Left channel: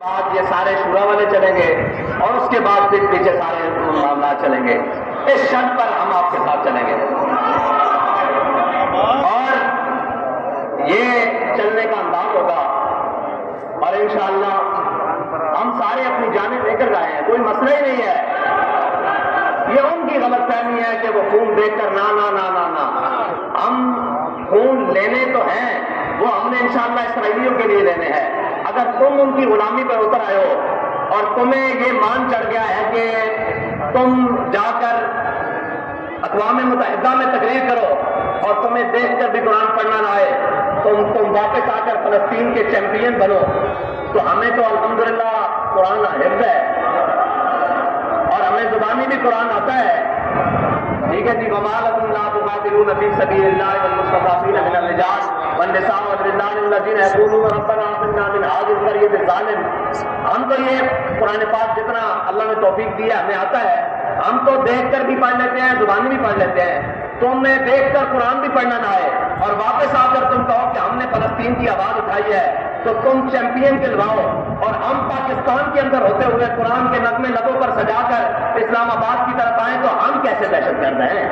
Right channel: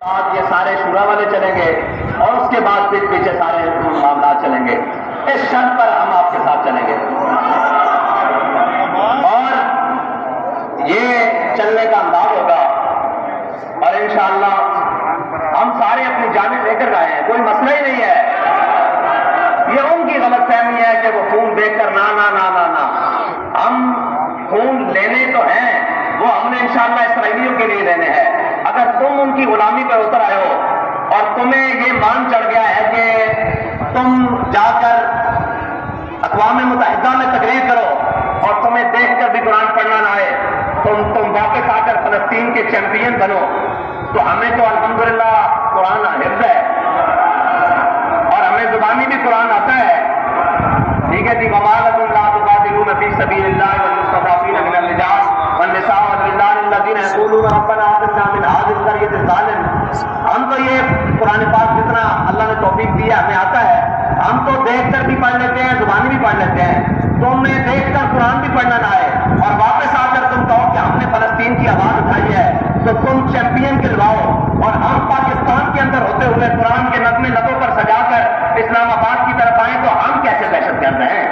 بعد یہ سارے شورا والے چلیں گے اور اس کے بعد پھر پیچھے سارے معاملات چلیں گے. اس شرط پر ہم آپ کے ساتھ چلیں گے اور یہ چلنے کا انداز ہوگا اور انشاءاللہ ہم سارے اپنی جانب لے کر آئے ہیں. کوئی مسئلہ ہی نہیں ہے. یہ ان کی غلط فہمی ہے کہ وہ خون دیکھ کر نہ ہم خون لینے تو ہیں، وہ ہم نے انشاءاللہ اسرائیلیوں کے لیے لینے ہیں. اگر تم ان کی غلامی پر اتر آئے ہو اور تمہیں یہ مان چڑھ گیا ہے کہ تم جا کر اقوام متحدہ میں تقریر کرو اور تمہیں دیکھ کر بھی قرآن پڑھنا نہ آئے، تم واپس آ کر فلسطین کے چیمپئن بنو، تو ہمیں تو الحمدللہ قرآن حفظ ہے اور ہمیں زبانی بھی قرآن آتا ہے. ٹھیک ہے جی. وما لکم لا تقاتلون فی سبیل اللہ والمستضعفین من الرجال والنساء والولدان الذین یقولون ربنا آتنا من هذه القرية الظالم. ہم تو یہ قرآن پاک جتنا اللہ نے توفیق دیا ہمیں آتا ہے، ہم تو دیکھ کر بھی پڑھ لیتے ہیں، زبانی بھی پڑھ لیتے ہیں. تمہیں دیکھ کر قرآن بھی پڑھنا نہ آئے اور واپس آ کر تم کہو کہ ہم نے فلسطین کی آواز اٹھائی ہے تو تم چیمپئن کہلواؤ، اور ہم پاکستان کے اندر ہوتے ہوئے قرآن کے نغمے لبوں پر سجا کر اسلام آباد کی طرف آئیں تو ہم کیسے دہشت گرد ہیں؟